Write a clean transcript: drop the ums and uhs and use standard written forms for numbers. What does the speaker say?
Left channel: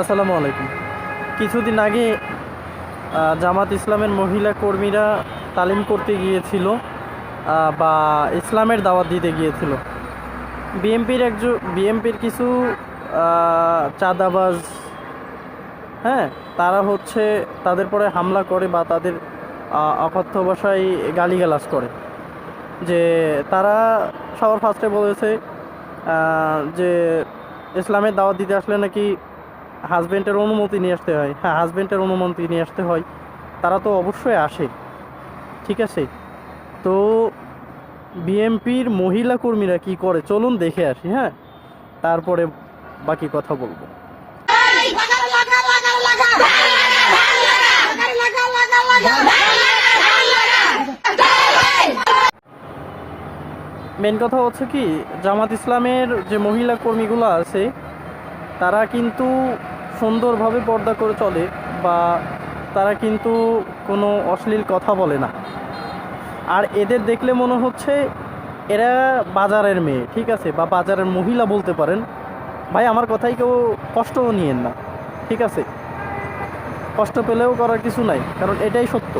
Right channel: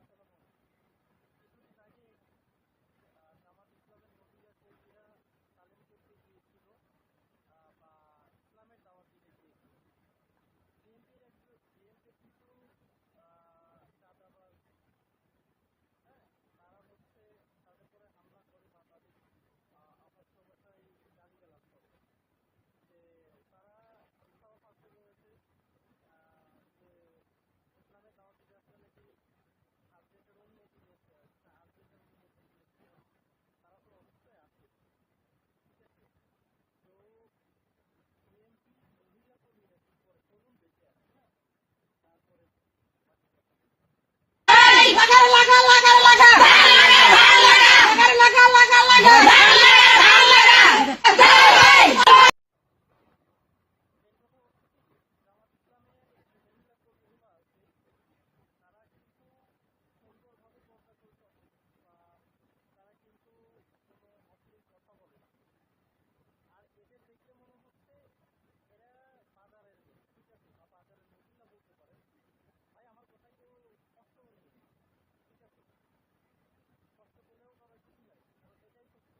আসসালামু আলাইকুম। কিছুদিন আগে জামাত ইসলামের মহিলা কর্মীরা তালিম করতে গিয়েছিল, বা ইসলামের দাওয়াত দিতে গিয়েছিল। বিএমপির কিছু চাঁদাবাজ, হ্যাঁ, তারা হচ্ছে তাদের পরে হামলা করে বা তাদের অকথ্য ভাষায় গালিগালাজ করে। যে তারা সবার ফার্স্টে বলেছে যে ইসলামের দাওয়াত দিতে আসলে নাকি হাজব্যান্ডের অনুমতি নিয়ে আসতে হয়। হ্যাঁ, হাজব্যান্ডের অনুমতি নিয়ে আসতে হয়। তারা তো অবশ্যই আসে, ঠিক আছে। তো বিএমপির মহিলা কর্মীরা কি করে চলুন দেখে আসি, হ্যাঁ, তারপরে বাকি কথা বলবো। মেন কথা হচ্ছে কি, জামাত ইসলামের যে মহিলা কর্মীগুলো আছে তারা কিন্তু সুন্দরভাবে পর্দা করে চলে, বা তারা কিন্তু কোনো অশ্লীল কথা বলে না। আর এদের দেখলে মনে হচ্ছে এরা বাজারের মেয়ে, ঠিক আছে, বা বাজারের মহিলা বলতে পারেন। ভাই, আমার কথাই কেউ কষ্টও নিয়েন না, ঠিক আছে। কষ্ট পেলেও করার কিছু নাই, কারণ এটাই সত্য।